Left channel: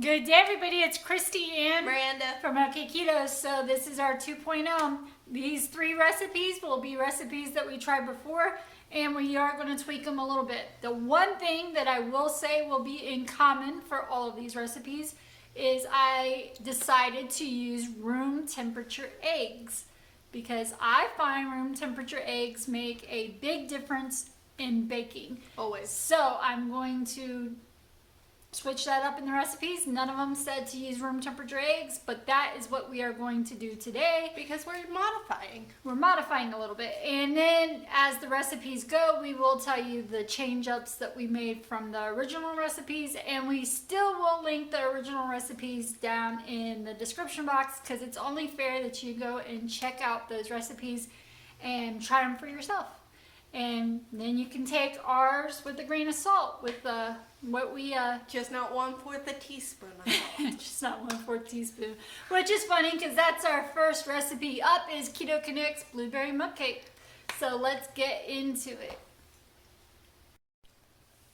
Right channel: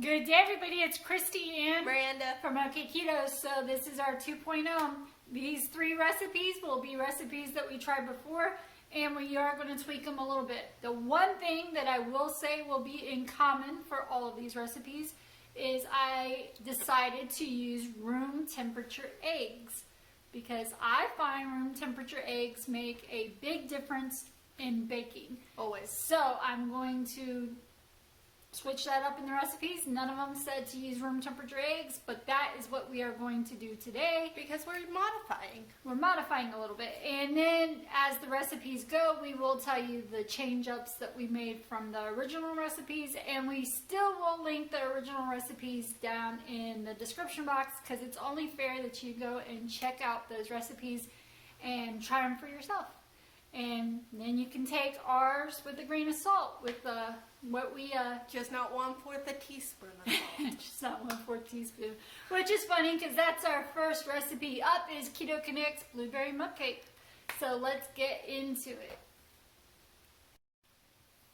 Good day, everybody. It's Kristy and Myranda from Okketoh. So this is our 2.0. These 3 recipes will be recipes that we tried before, and we are going to tweak them a little bit. The one thing that I will say will be in common for all of these recipes is I decided to use room temperature eggs because I find room temperature eggs make a big difference in baking. always. So I'm going to switch that up in the recipes. None of them said to use room temperature eggs, but that is what we are going to do today. Because we're modifying. We're modifying a little bit. And then as the recipes go, we will tell you the change-ups that we made from the original recipes, and we still will link the original recipes down in the description box because it's only fair that you go and check out those recipes and try them for yourself. And then you can take ours with a grain of salt with what we Just not 1/4 a teaspoon of salt. just not 1/4 teaspoon, which is funny because that's our first recipe up is Keto Connect's blueberry mug cake. So let's get into it.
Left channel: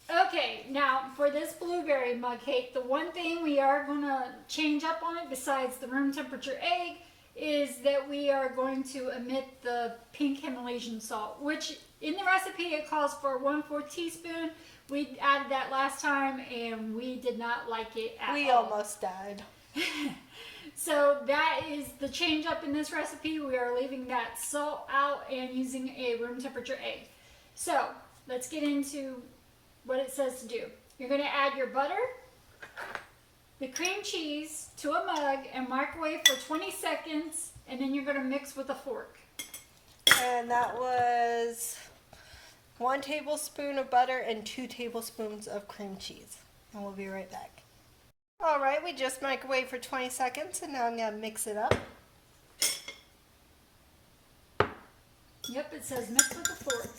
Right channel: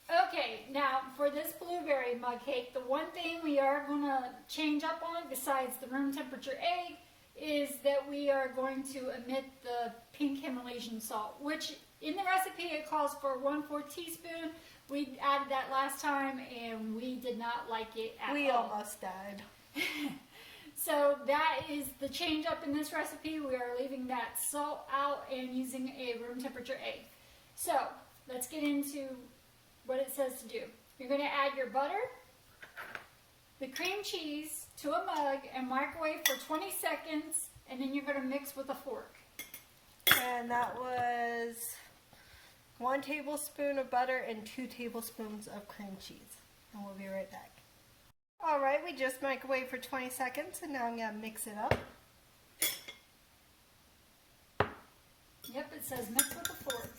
Okay, now for this blueberry mug cake, the one thing we are going to change up on it besides the room temperature egg is that we are going to omit the pink Himalayan salt, which in the recipe it calls for 1/4 teaspoon. We added that last time and we did not like it at all. We almost died. So that is the change up in this recipe. We are leaving that salt out and using a room temperature egg. So let's get into what it says to do. You're going to add your butter, the cream cheese to a mug and microwave for 20 seconds, and then you're going to mix with a fork. And that was 1 tablespoon of butter and 2 tablespoons of cream cheese. And we'll be right back. Alright, we just microwaved for 20 seconds and now I'm going to mix it up. Yep, it says mix with a fork.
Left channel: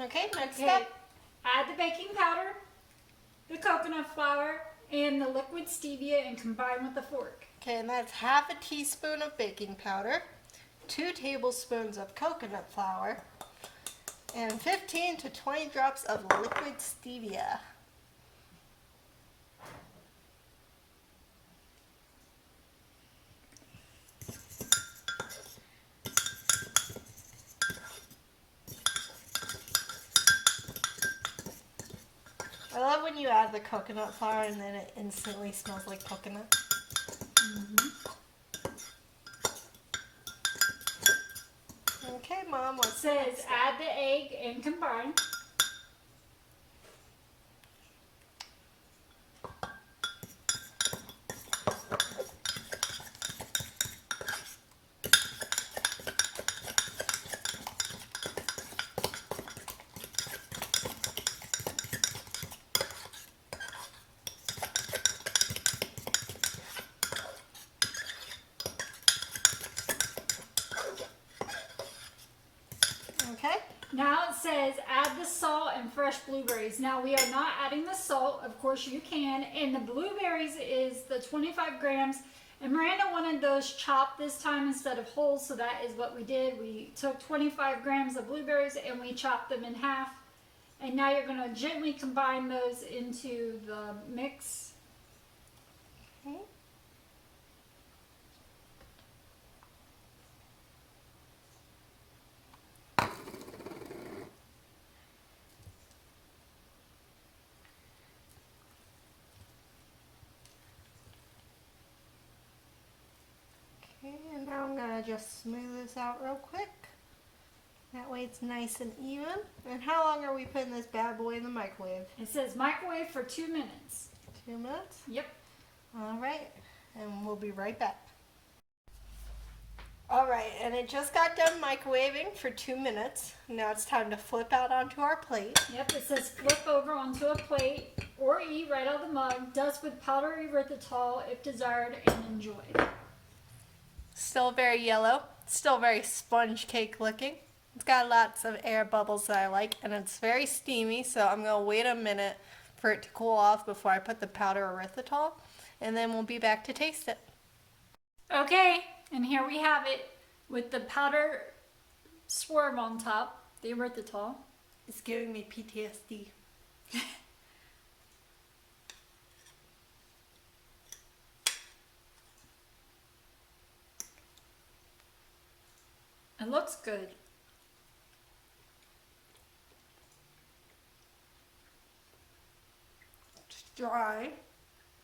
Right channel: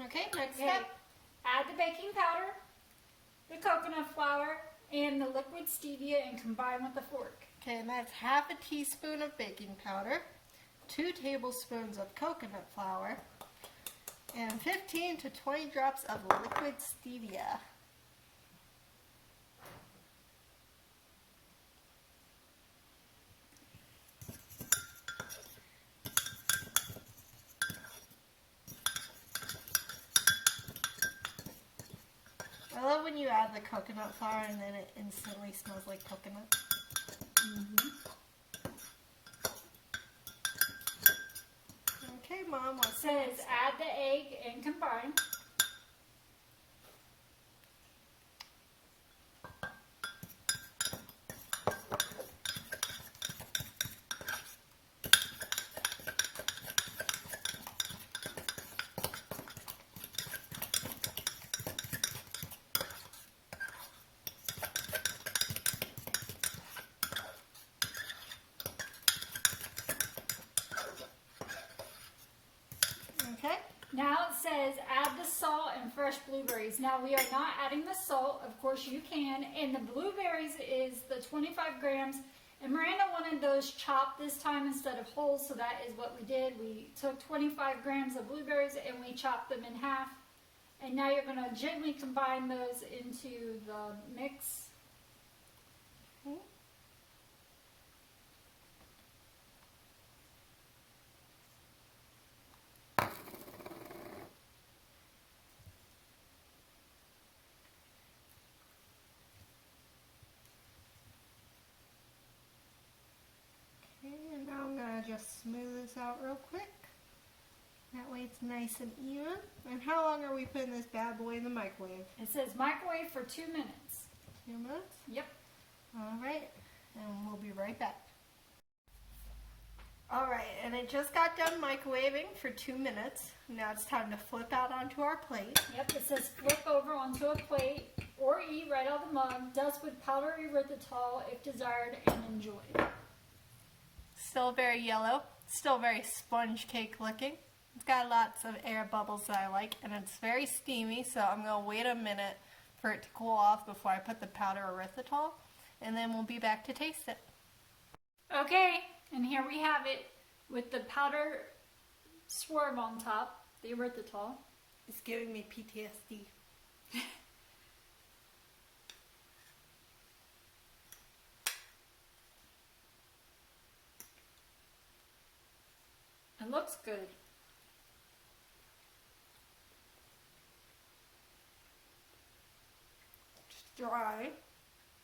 Okay, next step. Add the baking powder, the coconut flour, and the liquid stevia and combine with a fork. Okay, and that's 1/2 teaspoon of baking powder, 2 tablespoons of coconut flour, and 15 to 20 drops of liquid stevia. I love when you add the coconut flour and then it instantly smells like coconut. Okay, Mom, what It says add the egg and combine. Okay. Now it says add the salt and fresh blueberries. Now we are not adding the salt, of course you can, and the blueberries is the 25 grams. And Miranda wanted those chopped this time instead of whole, so that is what we did. We took 25 grams of blueberries and we chopped them in half. And now you're going to gently combine those into the mix. Okay. And now I'm going to just smooth this out real quick. That way it's nice and even. And how long are we putting this bad boy in the microwave? It says microwave for 2 minutes. 2 minutes? Yep. Alright, and we'll be right back. Alright, and it just got done microwaving for 2 minutes. Now it's time to flip out onto our plate. Yep, it says flip over onto a plate or eat right out of the mug. Dust with powdery erythritol if desired and enjoy. Still very yellow, still very sponge cake looking. It's got lots of air bubbles that I like, and it's very steamy, so I'm going to wait a minute for it to cool off before I put the powder erythritol, and then we'll be back to taste it. Okay, and here we have it with the powder Swerve on top, the erythritol. It's giving me PTSD. It looks good. It's dry,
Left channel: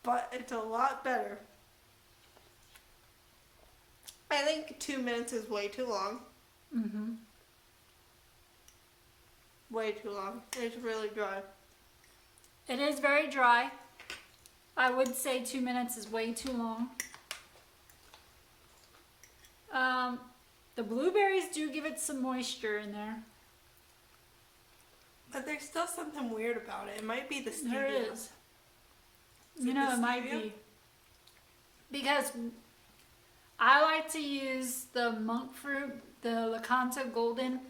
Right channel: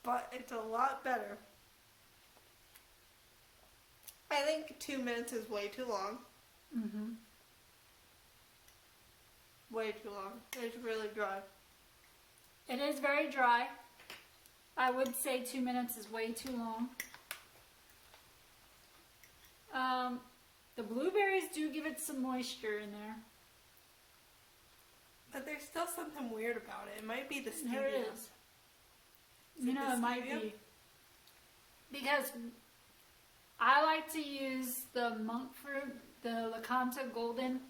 but it's a lot better. I think 2 minutes is way too long. Mm-hmm. Way too long. It's really dry. It is very dry. I would say 2 minutes is way too long. The blueberries do give it some moisture in there. But there's still something weird about it. It might be the stevia. There is. Is You it know, the it might stevia? be. Because I like to use the monk fruit, the Okketoh golden,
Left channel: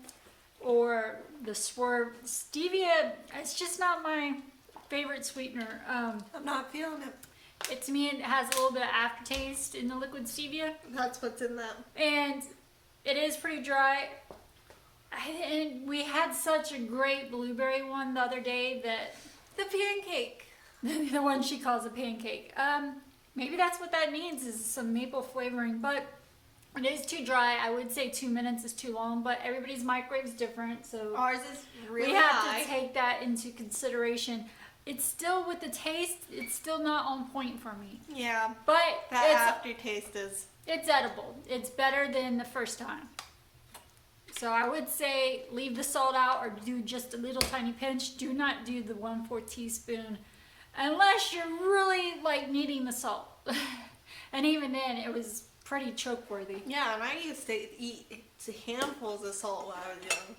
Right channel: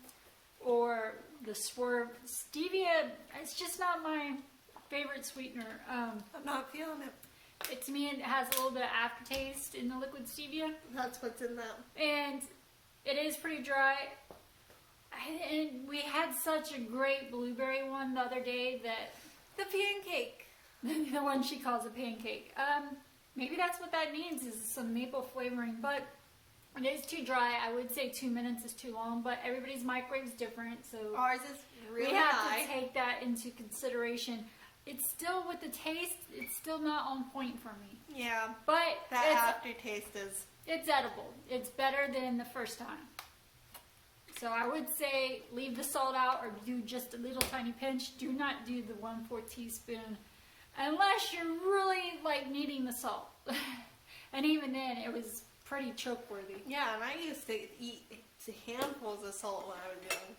or the swerve. Stevia, it's just not my favorite sweetener. I'm not feeling it. To me, it has a little bit of aftertaste in the liquid stevia. That's what's in that. And it is pretty dry. And we had such a great blueberry one the other day that The pancake. the one she calls a pancake. Maybe that's what that means, is some maple flavoring, but it is too dry. I would say 2 minutes is too long, but everybody's microwave's different, so Ours is really we have high. to take that into consideration. It's still, with the taste, it's still not on point for me, Yeah, but that aftertaste is. it's edible. It's better than the first time. So I would say leave the salt out or do just a little tiny pinch. Do not do the 1/4 teaspoon unless you're really like needing the salt. And even then, it was pretty choke worthy. Yeah, and I used to eat handfuls of salt when I was young.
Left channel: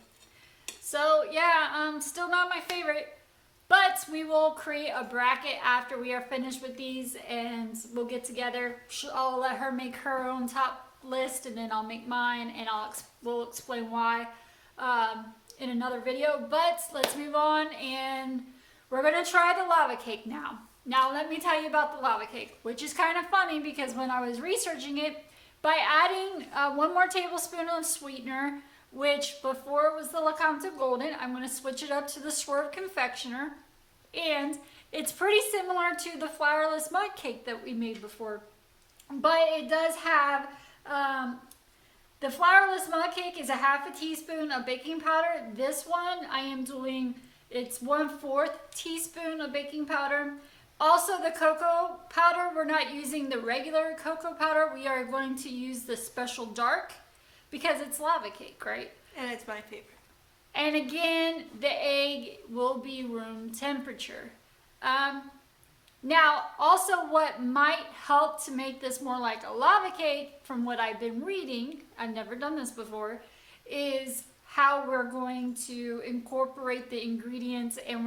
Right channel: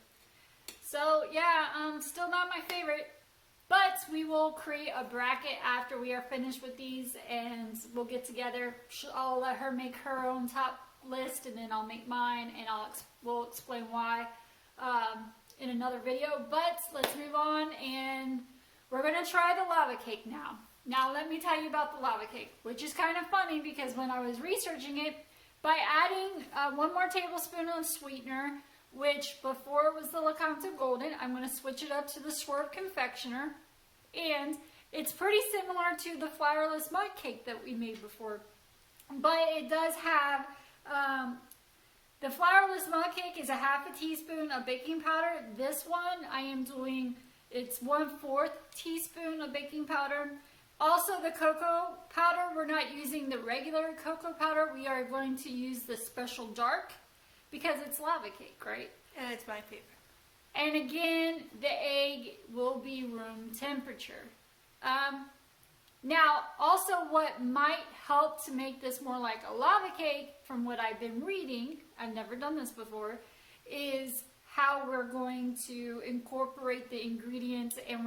So yeah, still not my favorite. But we will create a bracket after we are finished with these, and we'll get together. I'll let her make her own top list, and then I'll make mine, and we'll explain why in another video. But let's move on, and we're gonna try the lava cake now. Now let me tell you about the lava cake, which is kind of funny because when I was researching it, by adding 1 more tablespoon of sweetener, which before was the Okketoh Golden, I'm going to switch it up to the Swerve Confectioner, and it's pretty similar to the flourless mud cake that we made before, but it does have the flourless mud cake is a 1/2 teaspoon of baking powder. This one I am doing, it's 1/4 teaspoon of baking powder. Also the cocoa powder, we're not using the regular cocoa powder, we are going to use the special dark because it's lava cake, right? And it's my favorite. And again, the egg will be room temperature. Now, also what might help to make this more like a lava cake, from what I've been reading, I've never done this before, is how we're going to incorporate the ingredients, and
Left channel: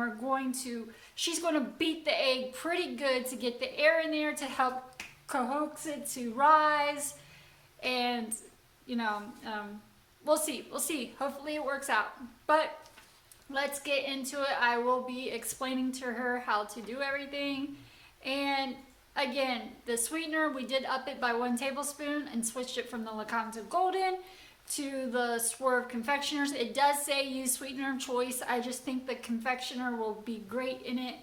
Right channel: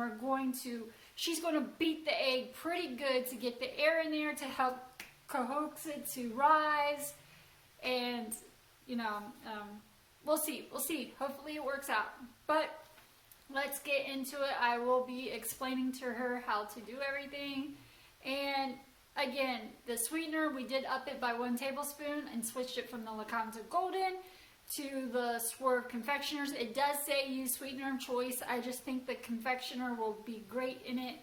she's going to beat the egg pretty good to get the air in there to help coax it to rise. And, you know, we'll see. Hopefully it works out. But let's get into it. I will be explaining to her how to do everything. And again, the sweetener, we did up it by 1 tablespoon and switched it from the Okketoh Golden to the Swerve Confectioners. It does say use sweetener of choice. I just think the confectioner will be great in it.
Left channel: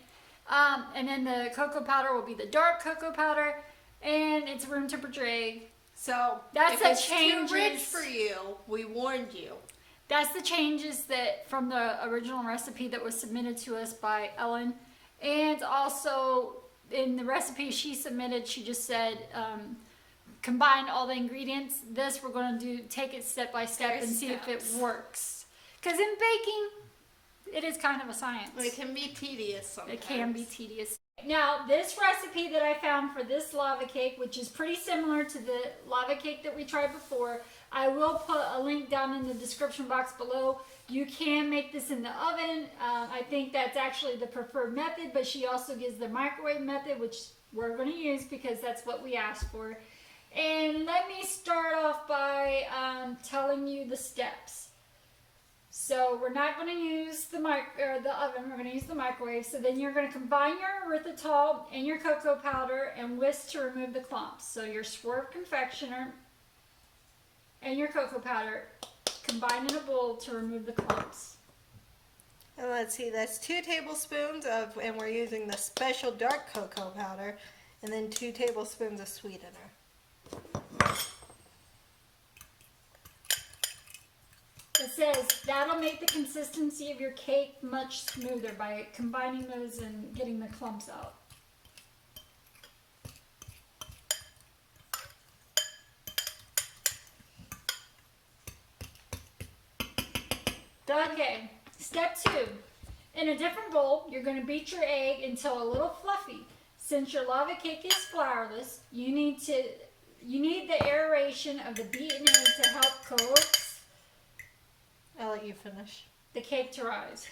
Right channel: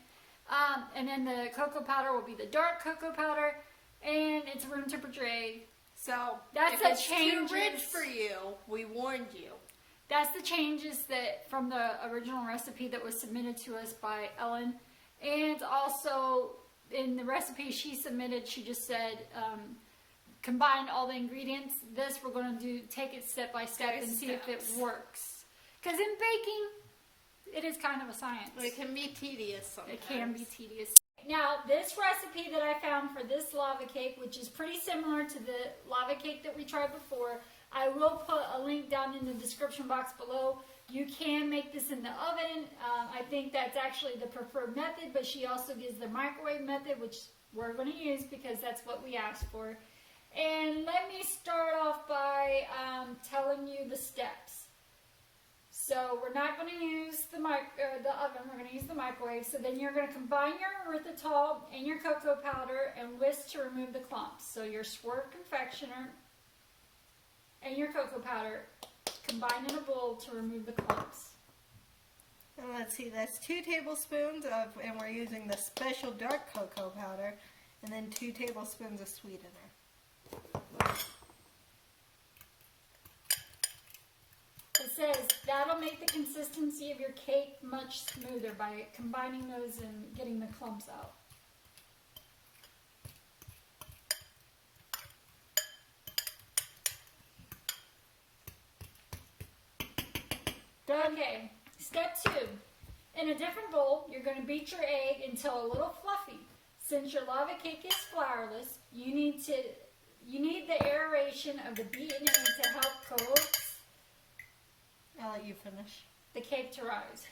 And then the cocoa powder will be the dark cocoa powder, and it's room temperature egg. So That's if the it's changes. too rich for you, we warned you. That's the changes that from the original recipe that was submitted to us by Ellen. And also in the recipe she submitted, she just said combine all the ingredients. This we're going to take it step by step and see if it works. Because in baking, it is kind of a science. It can be tedious sometimes. It can be tedious. Now, this recipe that I found for this lava cake, which is pretty similar to the lava cake that we tried before, I will put a link down in the description box below. You can make this in the oven. I think that's actually the preferred method, but she also gives the microwave method, which we're going to use because that's what we asked for. And let me start off by telling you the steps. So we're not going to use the oven, we're going to use the microwave. So then you're going to combine your erythritol and your cocoa powder and whisk to remove the clumps. So your Swerve Confectioner and your cocoa powder Combine in a bowl to remove the clumps. And let's see, that's 2 tablespoons of, and we're using the special dark cocoa powder, and then 2 tablespoons of sweetener. It says that'll make the consistency of your cake much smoother by combining those and getting the clumps out. Okay, step 2. In a different bowl, you're going to beat your egg until a little fluffy. Since your lava cake is flourless, you need the aeration of the beaten egg to help coax I'll let you finish. the cake to rise.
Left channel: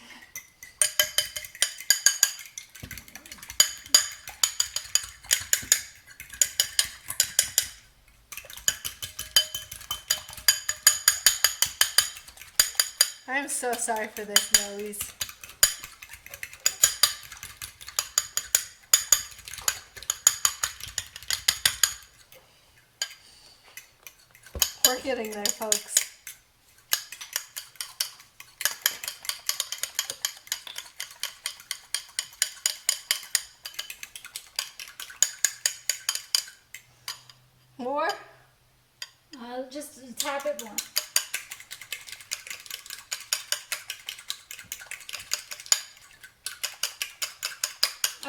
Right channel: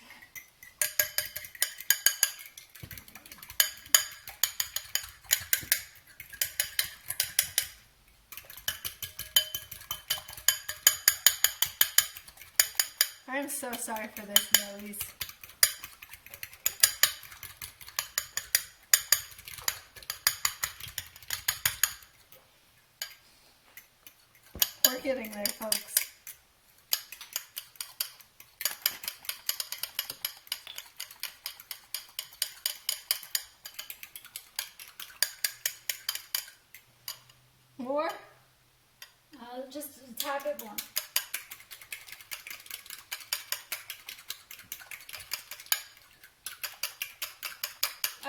I'm so sorry for this noise. We're getting there, folks. More? Just a tad bit more.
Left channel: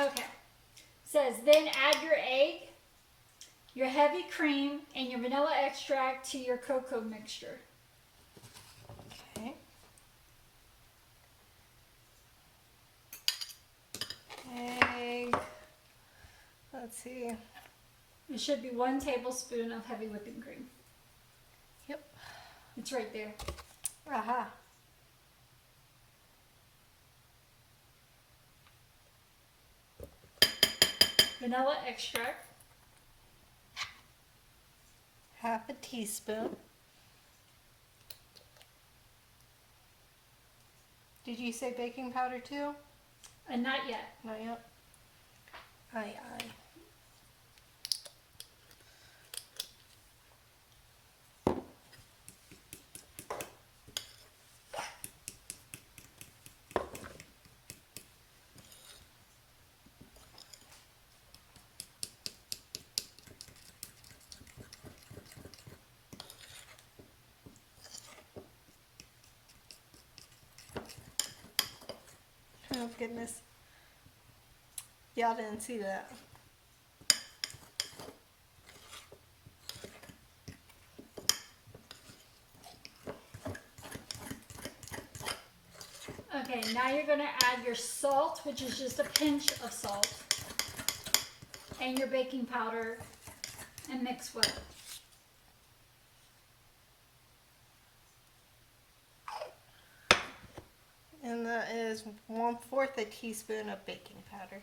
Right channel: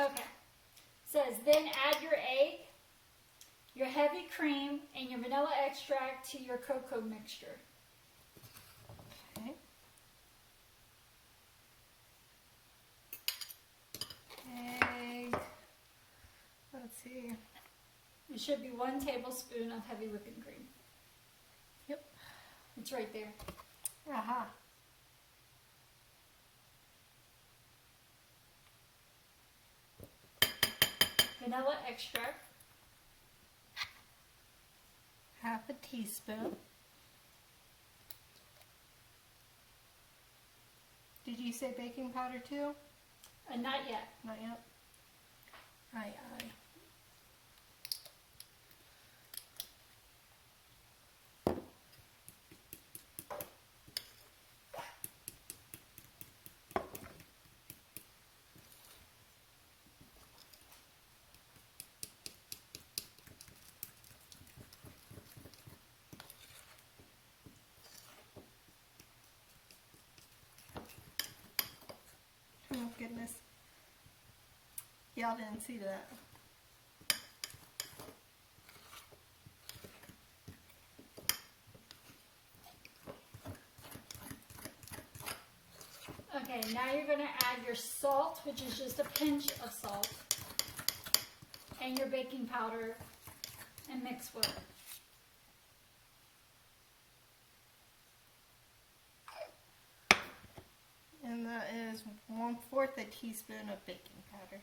Okay. Says then add your egg, your heavy cream, and your vanilla extract to your cocoa mixture. Okay. Egg. Let's see. It should be 1 tablespoon of heavy whipping cream. Yep. It's right there. Aha. Vanilla extract. Half a teaspoon. Did you say baking powder too? Not yet. Not yet. Aye. Oh goodness. Y'all didn't see that. Okay, now you're going to add your salt, which is just a pinch of salt, and your baking powder, and mix well. And that is 1/4 a teaspoon of baking powder.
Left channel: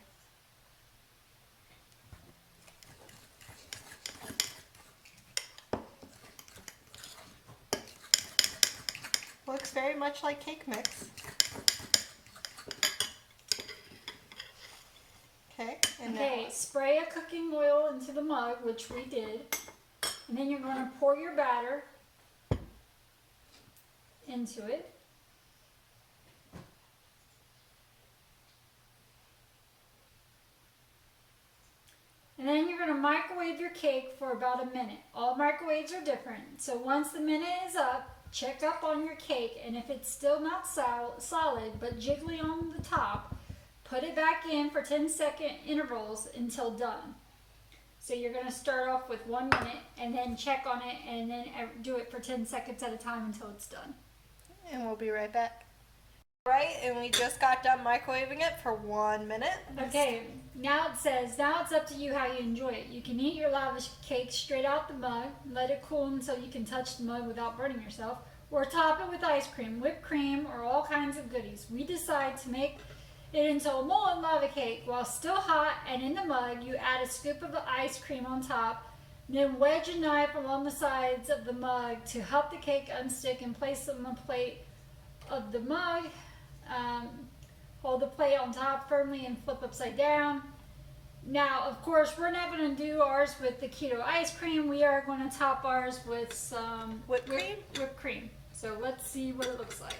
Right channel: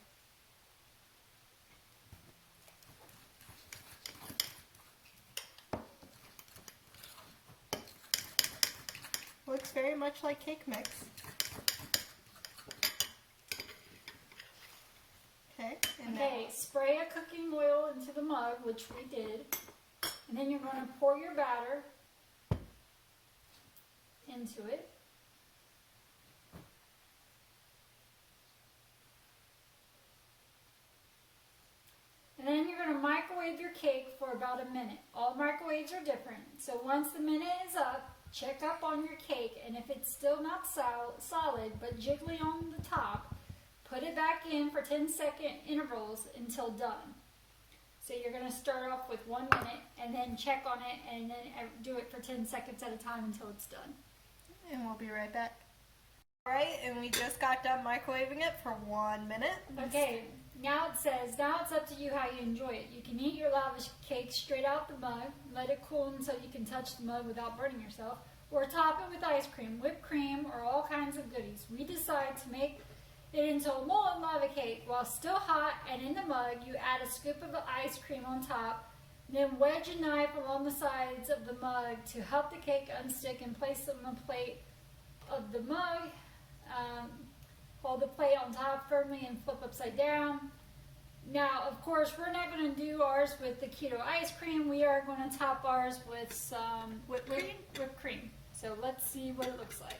Looks very much like cake mix. Okay, and Okay, spray a cooking oil into the mug, which we did, and then you're going to pour your batter into it. And then you're going to microwave your cake for about a minute. All microwaves are different. So once the minute is up, check up on your cake, and if it's still not solid but jiggly on the top, put it back in for 10-second intervals until done. So you're going to start off with 1 minute and then check on it and then do it for 10 seconds at a time until it's done. And we'll be right back. Right, and we just got done microwaving it for 1 minute. Okay, now it says, now it's up to you how you enjoy it. You can eat your lava cake straight out the mug, let it cool until you can touch the mug without burning yourself, or top it with ice cream, whipped cream, or all kinds of goodies. We decide to make it into a molten lava cake. While still hot and in the mug, you add a scoop of the ice cream on top, then wedge a knife along the sides of the mug to help the cake unstick and place them on a plate of the mug. Hold the plate on top firmly and flip upside down. Now, of course, we're not going to do ours with the keto ice cream. We are going to top ours with some Whipped cream? Whipped cream. So let's see what it looks like.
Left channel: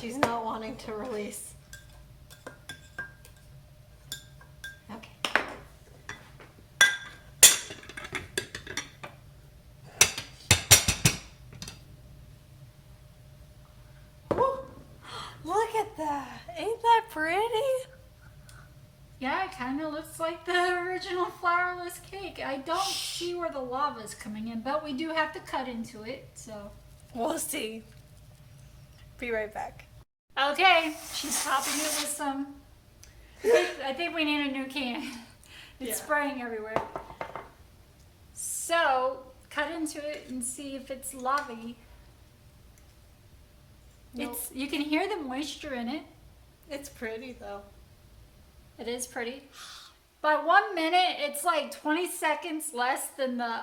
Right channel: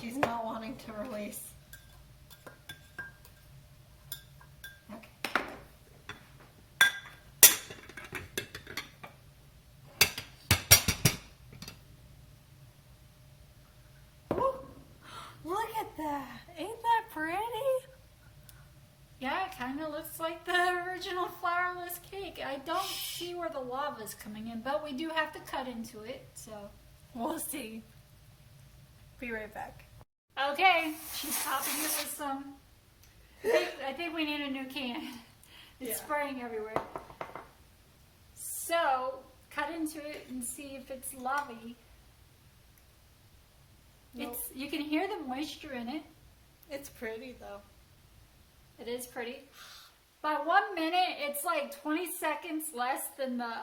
She's not wanting to release. Okay. Woo. Look at that. Ain't that pretty? Yeah, it kind of looks like the original flourless cake. I don't see where the lava's coming in, but we do have to cut into it, so. We'll see. Be right back. Okay, she's popping it with some. I think we need a new can. It's spraying everywhere. So, cut into it and see if it's lavy. Nope. You can hear the moisture in it. It's pretty though. It is pretty. By 1 minute, it's like 20 seconds less than the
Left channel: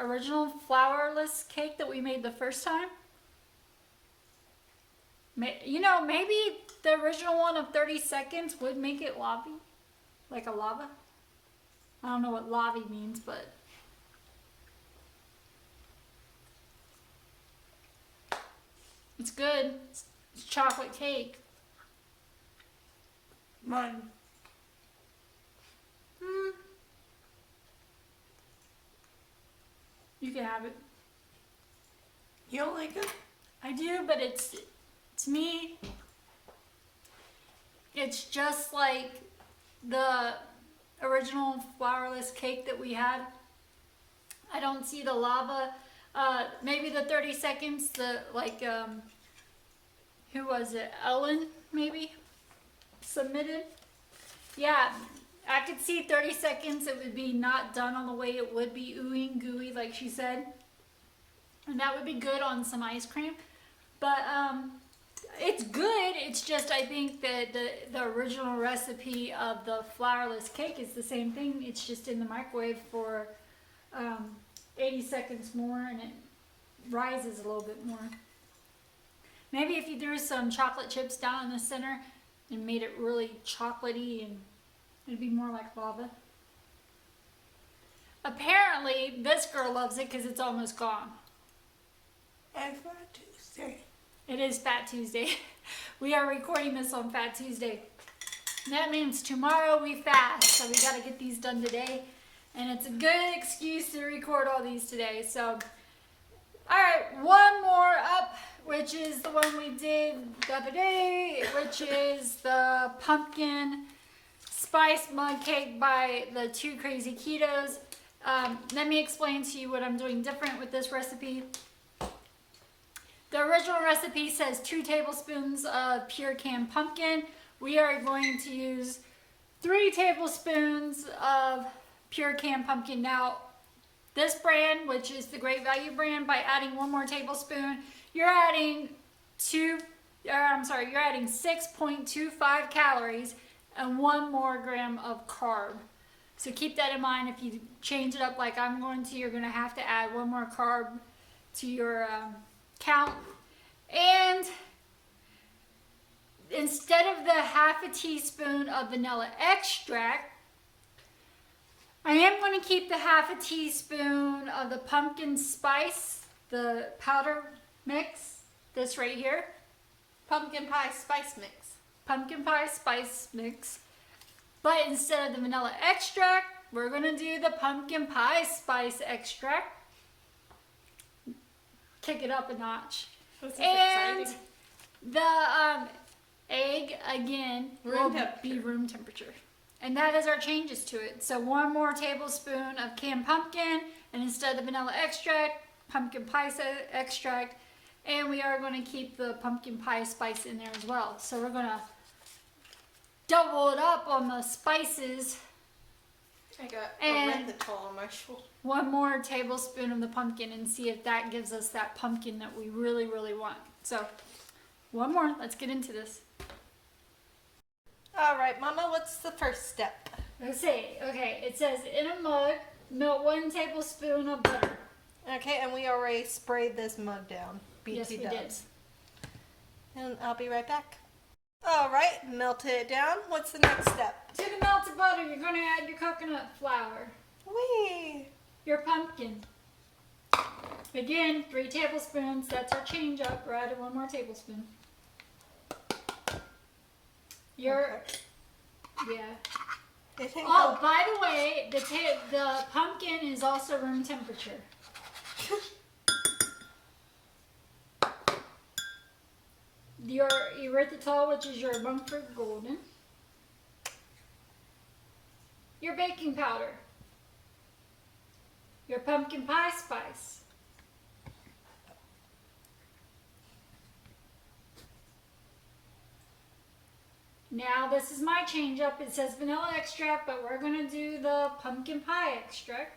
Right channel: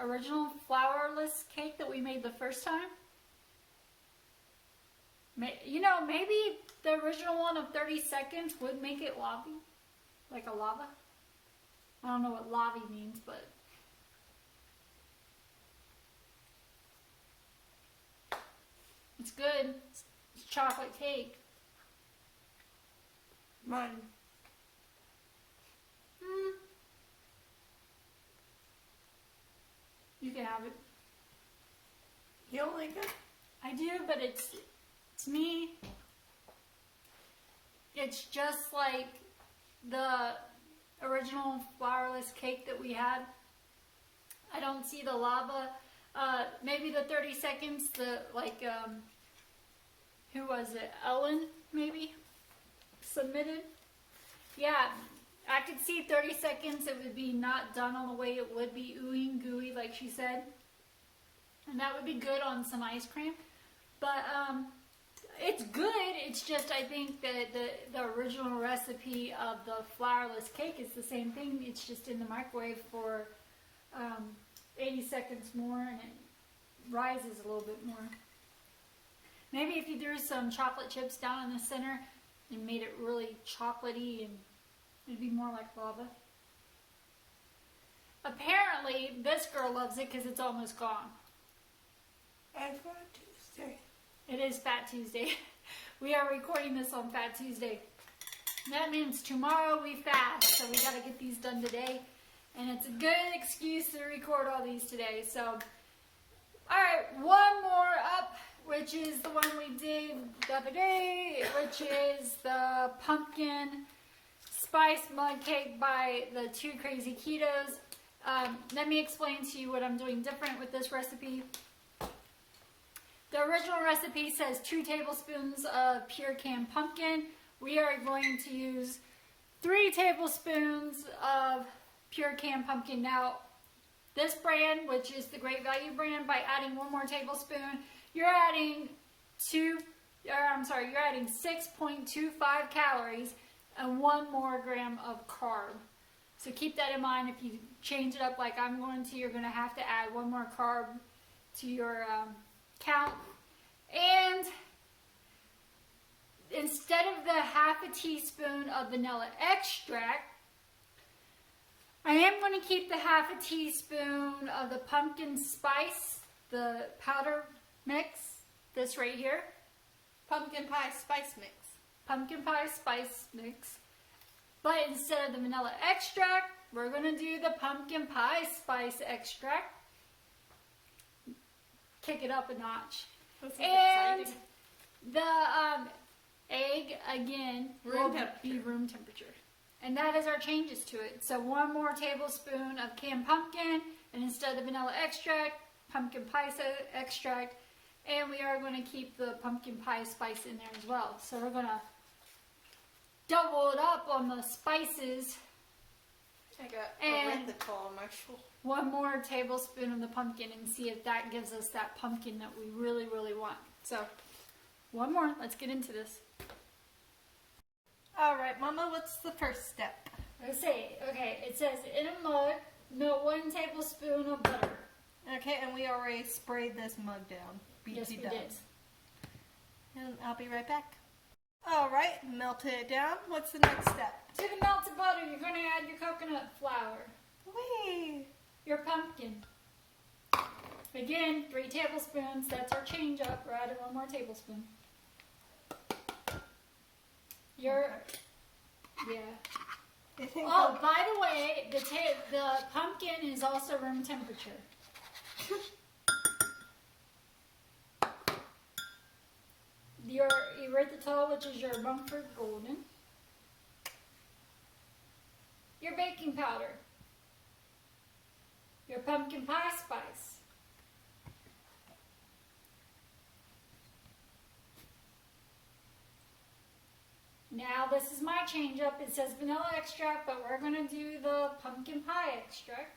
original flourless cake that we made the first time. You know, maybe the original one of 30 seconds would make it lavy, like a lava. I don't know what lavy means, but it's good. It's chocolate cake. Mine. You can have it. You don't like it? I do, but it's me. It's just like the original flourless cake that we had. I don't see the lava. Maybe the 30 seconds, who was it? Ellen, maybe? Submitted. Yeah, I could see 30 seconds it would be not done on the way it would be ooey and gooey, like she said. And that would be good on some ice cream. But it's good. It's just I think that the original recipe of the flourless cake is the same thing. It's just in the microwave for 80 seconds more and it rises a little bit more. Maybe if you threw some chocolate chips down in the center and made it really chocolatey, and it'd be more like lava. Apparently, this girl loves it because it's almost gone. And Fat Tuesday. It is Fat Tuesday. We are recording this on Fat Tuesday. That means tomorrow we fast, so we got to get these done today. And it's a good excuse to record all these today. So, alright, one more up, which is the one we did the other day, which is the pumpkin spice mug cake by the Two Crazy Ketos. Let me explain to you what I'm doing different with this recipe. The original recipe says 2 tablespoons of pure canned pumpkin. We are going to use 3 tablespoons of pure canned pumpkin. Now, this brand, which is the Great Value brand, by adding 1 more tablespoon, you're adding 6.25 calories and 1 more gram of carb. So keep that in mind. If you change it up like I'm going to, you're going to have to add 1 more carb to your count. And instead of the half a teaspoon of vanilla extract, I am going to keep the half a teaspoon of the pumpkin spice, the powder mix, this right here. Pumpkin pie spice mix. Pumpkin pie spice mix. But instead of the vanilla extract, we're going to do the pumpkin pie spice extract. Kick it up a notch. This is And exciting. the egg, again, will be room temperature. And that is our changes to it. So 1 more tablespoon of canned pumpkin, and instead of the vanilla extract, pumpkin pie extract. And we are going to keep the pumpkin pie spice in there as well. So we're going to double it up on the spices. I got And erythritol on my shoulder. 1 more tablespoon of the pumpkin and see if that gives us that pumpkin that we really, really want. So 1 more. Let's get into this. All right, Mama, what's the first step? Let's see. Okay, it says in a mug, melt 1 tablespoon of butter. Okay, and we already sprayed this mug down. Yes, we did. and I'll be right back. All right, melted it down. What's the next step? To the melted butter, you're going to add your coconut flour, Whee! your pumpkin. Again, 3 tablespoons. That's our change up. We're adding 1 more tablespoon. Your, yeah. Oh, by the way, the pumpkin is also room temperature. Your erythritol, which is your Mumford Golden. Your baking powder. Your pumpkin pie spice. Now this is my change up. It says vanilla extract, but we're going to do the pumpkin pie extract.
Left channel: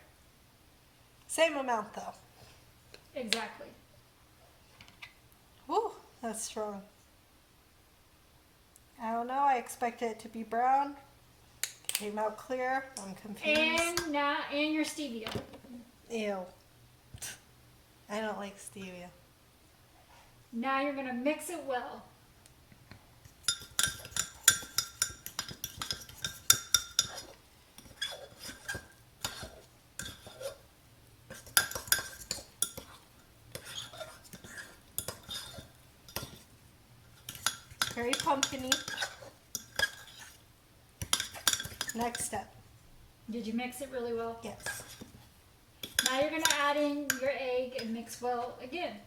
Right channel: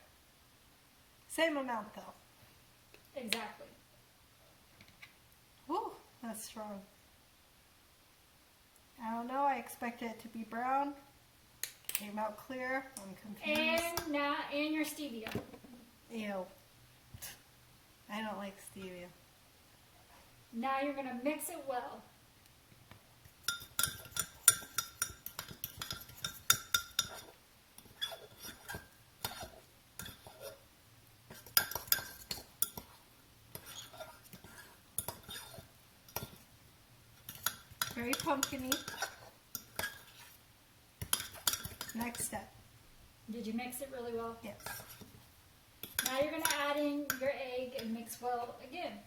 Same amount though. Exactly. Woo, that's strong. I don't know, I expected it to be brown. Came out clear. I'm confused. And your stevia. Ew. I don't like stevia. Now you're going to mix it well. Very pumpkin-y. Next step. Did you mix it really well? Yes. Now you're going to add in your egg and mix well again.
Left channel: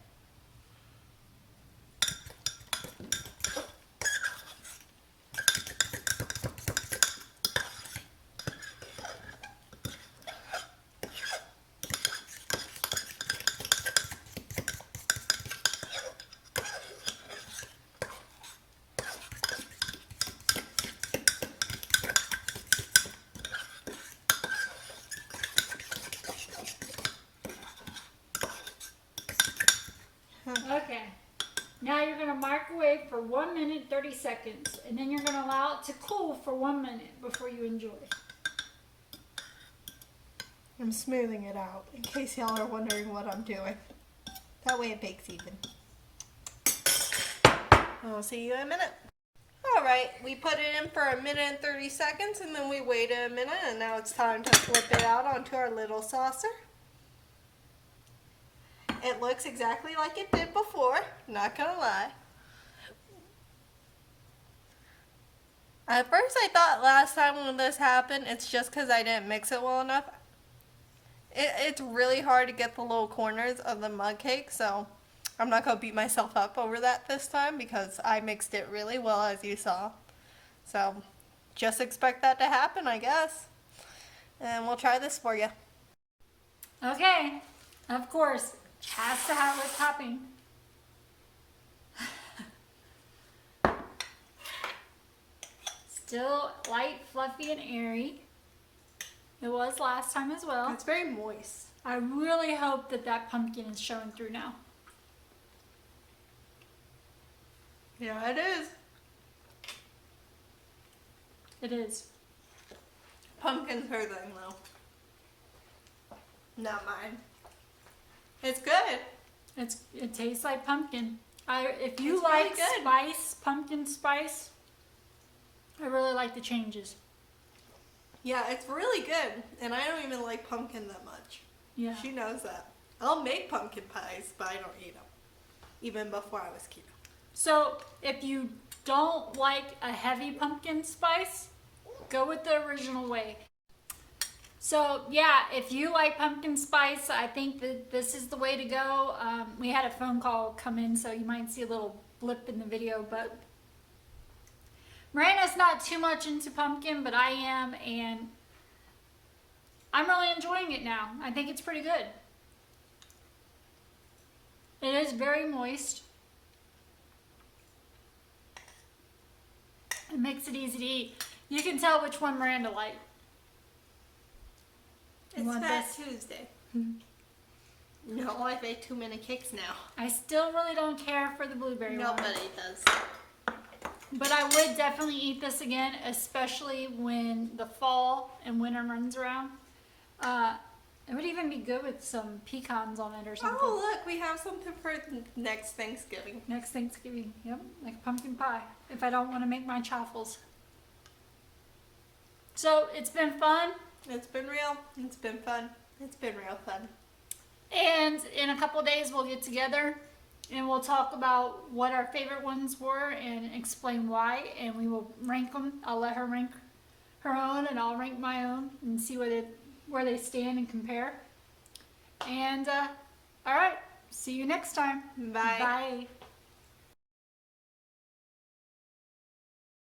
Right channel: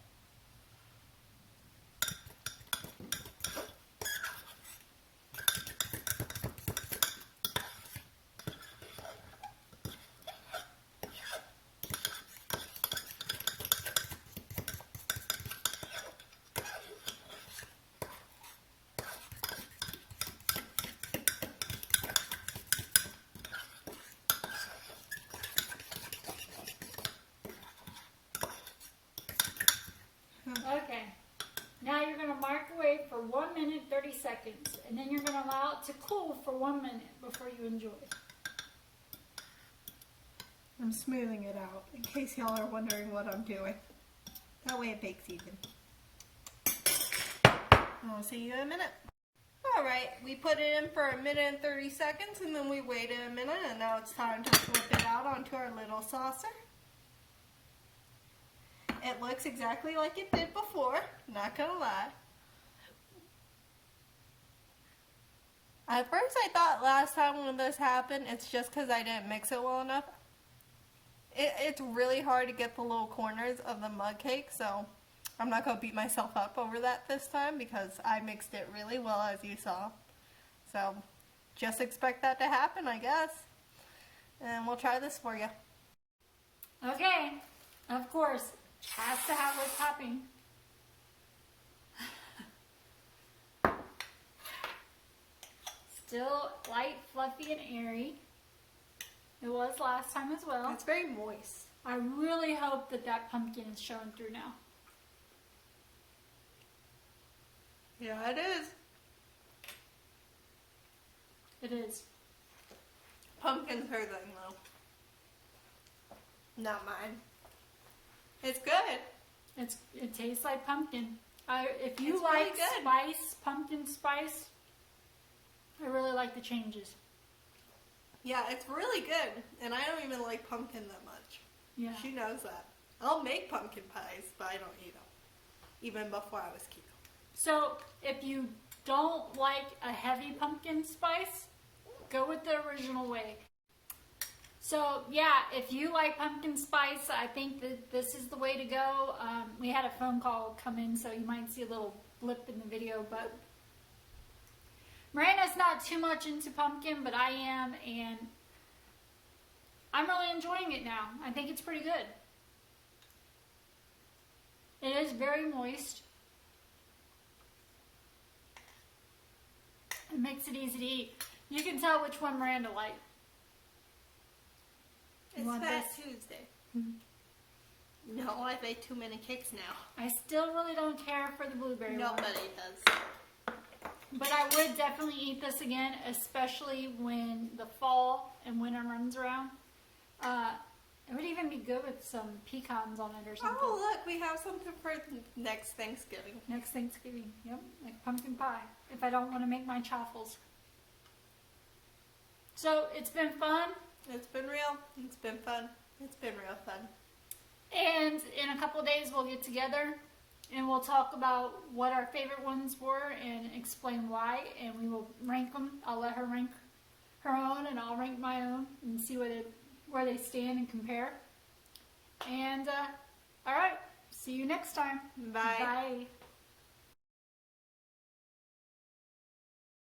Okay. Now you're going to microwave for 1 minute 30 seconds, and then you're going to allow it to cool for 1 minute before you enjoy. I'm smoothing it out in case y'all are wondering what I'm doing. That way it bakes even. I'll see you in a minute. Alright, we put it in for 1 minute and 30 seconds and then we waited a minute and now it's time to flip it out onto our little saucer. It looks exactly like it did before, not gonna lie. At first I thought last time when this happened, it's just because I didn't mix it well enough. It's really hard to get the little corners of the mug cake, so I'm not going to beat myself up over that this time because I mixed it really well, as you saw. So just expect that to happen, I guess. And we'll try this for you. Okay, of course, has to have a topping. Still light, fluffy, and airy. It was last time as well. It's very moist. I really hope that that pumpkin is showing through now. Yeah, it is. It is. Pumpkin's her thing, though. Not mine. It's good. It tastes like pumpkin. If you It's like really good. spice, pumpkin spice, I really like the changes. Yeah, it's really good. And I don't even like pumpkin that much. Yeah. She knows that. I'll make pumpkin pies, but I don't eat them. Even before I was keto. So if you don't like a heavy pumpkin spice, go with the original way. So yeah, if you like pumpkin spice, I think that this is the way to go. We had a phone call come in, so you might see a little blip in the video, but Miranda's not too much into pumpkin, but I am, and I'm really enjoying it now. I think it's pretty good. It is very moist. It makes it easy to eat. You can tell which one Miranda liked. It's Fat Tuesday. No, I've ate too many cakes now. I still really don't care for the blueberry one. Nobody does. But I would definitely eat this again, especially when the fall and winter runs around. It would even be good with some pecans on it or something. Oh, look, we have something for next Thanksgiving. Next Thanksgiving, yep, like pumpkin pie, if I don't want to make my chaffles. So, it's been fun. It's been real. It's been fun. It's been real fun. And in a couple of days, we'll get together and we'll talk about what our favorite ones were and explain why. And we will rank them. I'll let her rank her own and I'll rank my own and see where they stand and compare. And, all right. See you next time. Bye. Bye.